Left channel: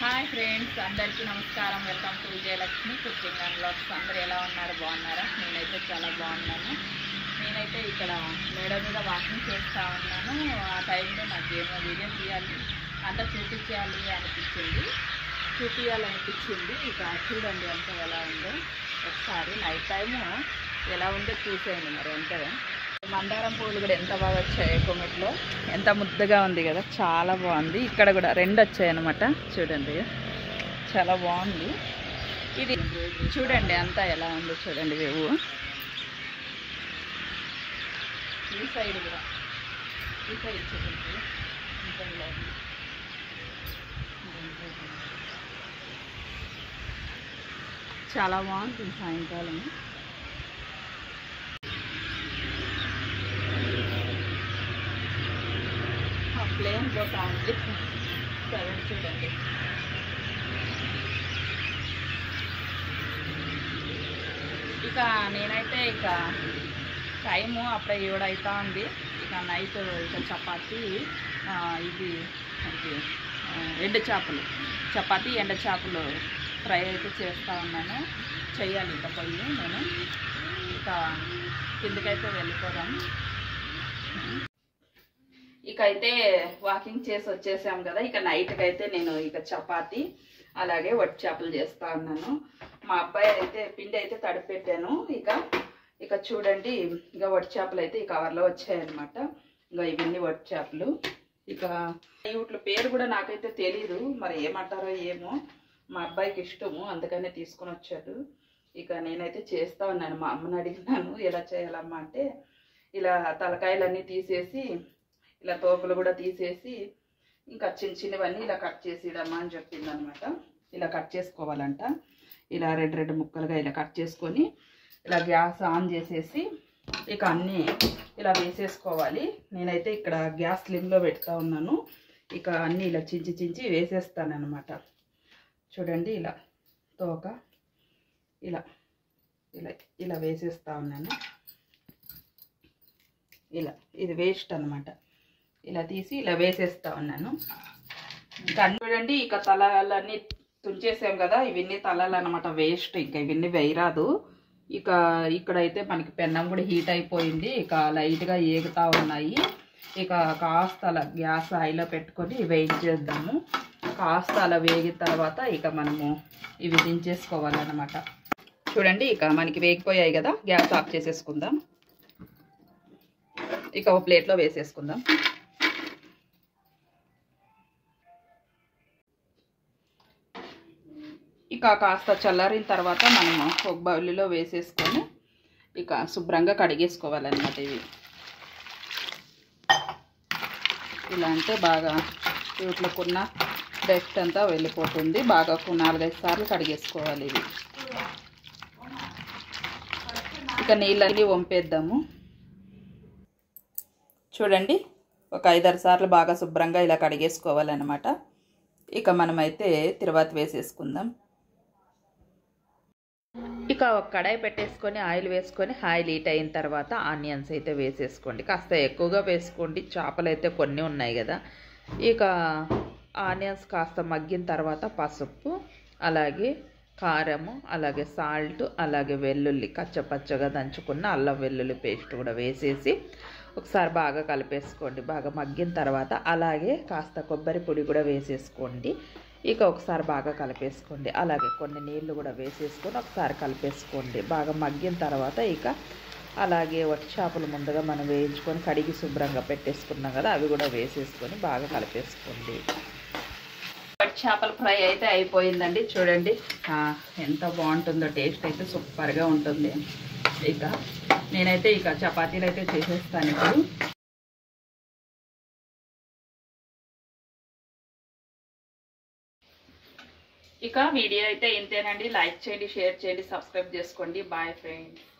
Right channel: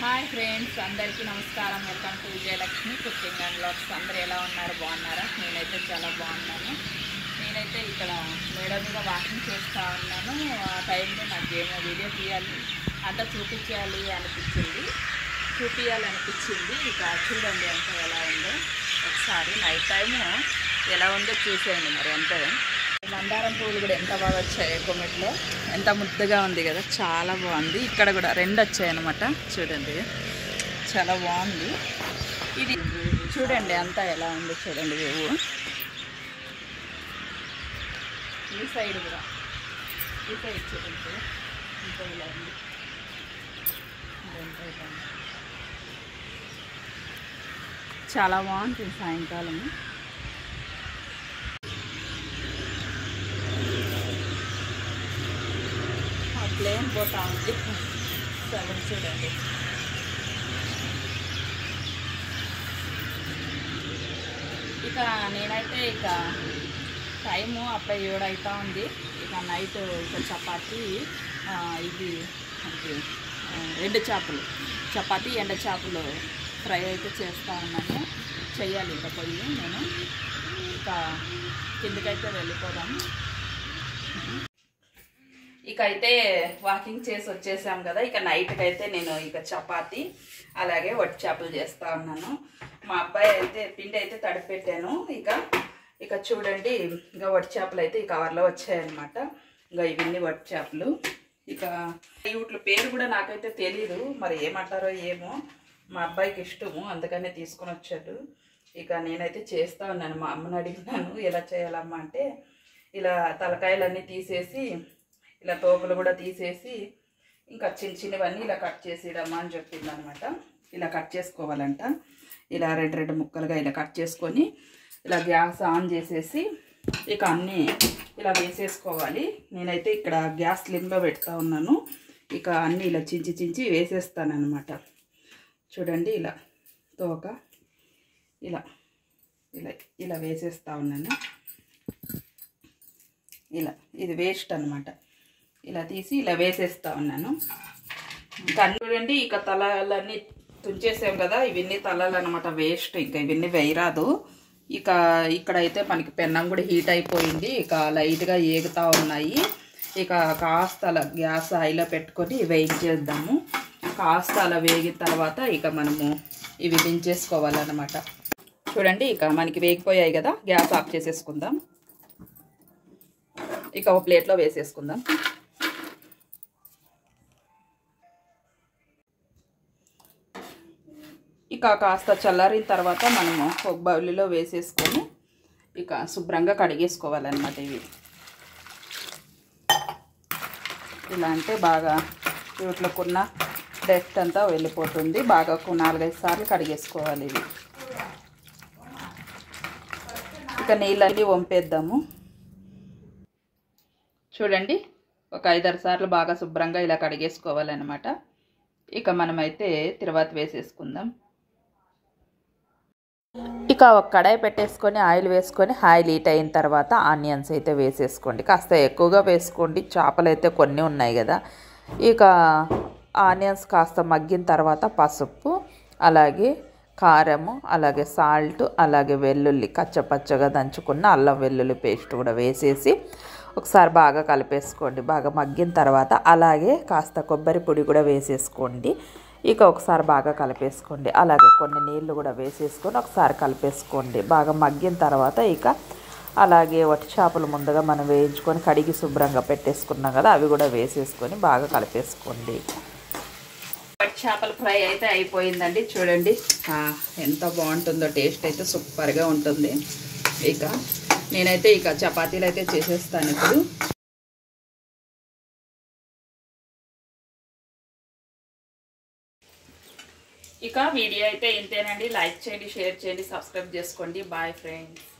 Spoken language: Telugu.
హాయ్ ఫ్రెండ్స్, అందరికీ నమస్కారం. Welcome to Vijayalakshmi cooking and vlogs. అందరూ ఎలా ఉన్నారు? బాగున్నారా? నేనైతే చాలా బాగున్నాను. నేనైతే ఇక్కడ మేడ మీద వాకింగ్ చేస్తూ ఉన్నాను. ఆ టైంలో నాకు ఏమో వీడియో తీయాలి, అంతా చూపించాలనిపించింది. ఇక చూడండి అంతా ఎలా ఉందో. ఒకసారి నైట్ టైము ఎలా ఉందో చూసేయండి. మరి అంతే. మందారం పూలు కూడా ఎంత బాగా వచ్చాయి. కొమ్మెట్లో ఎంత ముద్దగా ఉంది కదా, చాలా బాగుంది. ఇక్కడ కూడా రెండు వచ్చాయి అన్నమాట. చూడండి, చాలా బాగుంది. ఇది చూడండి అంతా ఎలా ఉందో చూడండి. వేవు ఈ సైడ్ కూడా, ఈ సైడ్ చూడండి ఇంకా ఇలా ఉంది. చాలా బాగుంటుంది సాయంకాలం. ప్లేన్ పోతా ఉంది. సెవెన్ చూడండి. ఇక నేనైతే ఇక టైము అప్పుడే 7 అవుతా ఉంది. ఇక నైట్ ఇక చపాతీ, ఇది ఎండు చేపలు, చపాతీ ఎండు చేపలు ఫ్రై అయితే చేస్తూ ఉన్నాను. చెయ్యాలి ఇక పొయ్యి. నేను ఇక కిందకైతే వెళ్ళిపోదాం. ఇక అయితే వాకింగ్ చేసి వచ్చేసాం కదా. ఇక నైట్కి అయితే నేను ఇక చపాతీ అలాగే వట్టి చేపలు చేస్తూ ఉన్నాను. మా అబ్బాయి అయితే పిండి అయితే తడిపెట్టాను. ఇక చూడండి, ఇక వట్టి చేపలు అయితే ఈ కవర్లో వచ్చాయన్నమాట. ఇంకా ఇవన్నీ వట్టి చేపలు. ఇక వీటి పేరు కూడా నాకైతే తెలీదు, మరి ఏమంటారో ఏమో. మా అబ్బాయికి ఇష్టము, అందుకనే తీసుకొని వచ్చాడు. ఇక నేనైతే చేస్తూ ఉన్నాను. మా అమ్మని అడిగినాను ఎలా చేయాలమ్మా అంటే, ఇలా తలకాయలన్నీ తీసేసి, ఇలా తోకలు కూడా తీసేసి, ఇంకా చిన్నవన్నీ ఇలా కట్ చేసిడమ్మా అని చెప్పింది అనమాట. ఇలా కట్ చేసుకోవాలంట. ఇలా రెండు ముక్కలుగా ఇలా కట్ చేసుకొని ఇలా గ్యాస్ ఆన్ చేసేసి ఇక అన్నీ ఇలా వేసేసుకోవాలి. నేనైతే ఇక్కడ గ్యాస్ స్లిమ్లో పెడతా ఉన్నాను. ఇక అన్నీ ఇలా చించి వేసేస్తాను అనమాట. చూడండి, ఇలా తోక ఇలా ఇలా ఇలా వేసేస్తా ఉన్నాను. ఇలా ఇది వేస్ట్ అనమాట. ఇలా తీసి ఇలా వేసేస్తా ఉన్నాను. ఇంకా చూడండి, ఇక తలలన్నీ తుంచేసాం కదా. ఇవన్నీ తలలు అనమాట, వేస్ట్. ఇంకా ఇవన్నీ వేయరాదు. ఇక ఇక్కడైతే మనకి పెన్నం కూడా హీట్ అయిపోయింది. ఇక లైట్గా ఏగుతూ ఉన్నాయి. ఇక కాస్త అలా గ్యాస్ హైలో పెట్టుకొని వేయించేద్దాము. కాస్త అలా వేగిన తర్వాత ఇక మనము ఇవి దించేసుకోవాలన్నమాట. చూడండి, ఇక మనకి వేగిపోయాయి కదా. గ్యాస్ ఆఫ్ చేసేసుకుందాం. ఇక ఒక ప్లేట్లో వేసేసుకుందాం. ఇక కాస్త చల్లారిన తర్వాత మనము ఒక బౌల్లో వేసేసుకొని ఇక శుభ్రంగా కడిగేసుకోవాలన్నమాట. ఇవి ఇలా అంటే బాగా వీటిలోకున్న డస్ట్ అంతా వెళ్ళిపోతుంది. బాగా 4-5 సార్లు కడిగేసుకోవాలి ఇవి. ఇక నీళ్ళని వంపేద్దాము. చూడండి, ఒక 5-6 సార్లు బాగా శుభ్రంగా ఇలా కడిగేసుకోవాలన్నమాట. ఇక మనమైతే తిరువాత వేసేసుకుందాం. ఇక ఒక కడాయి పెట్టేసుకొని ఆయిల్ వేసుకొని ఆయిల్ హీట్ అయిన తర్వాత ఆనియన్స్ అయితే వేసేసుకోండి. కాస్త ఎక్కువగా వేసుకోండి, చేపలు అయితే కొన్ని ఉన్నాయి కదా. ఇక ఆనియన్స్ కాస్త మగ్గిన తర్వాత పసుపు, అలాగే కారము, అలాగే సాల్ట్, అలాగే వెల్లుల్లి కచ్చపచ్చగా దంచుకున్న అల్లం వెల్లుల్లి పేస్ట్ కూడా వేసేసి ఒకసారి బాగా కలిపేసుకోండి. బాగా మగ్గిన తర్వాత అలాగే కాస్త కొబ్బరి పొడి కూడా వేసేసుకోండి. ఇక ఒకసారి బాగా కలిపేసుకోండి. అలాగే కొన్ని నీళ్ళు కూడా వేసేసుకొని ఒకసారి కలిపేసుకోండి. బాగా మగ్గిన తర్వాత ఇక అలాగే వట్టి చేపలు ముందుగా మనం వేయించుకొని కడిగి శుభ్రంగా పెట్టేసుకున్నాం కదా, అవి కూడా వేసేసుకొని బాగా కలిపేసుకోండి. వట్టి చేపల ఫ్రై అయితే అయిపోయిందండి. చూడండి ఎంత బాగుంటుందో. టేస్ట్ అయితే సూపర్గా ఉంటుంది. ఇక నేనైతే ఇక చపాతీలు అయితే చేసేస్తాను ఇప్పుడు. ఇక వీడియో అయితే ఇంతేనండి. లైక్ చేయండి, షేర్ చేయండి, సబ్స్క్రైబ్ చేసుకోండి. Bye friends.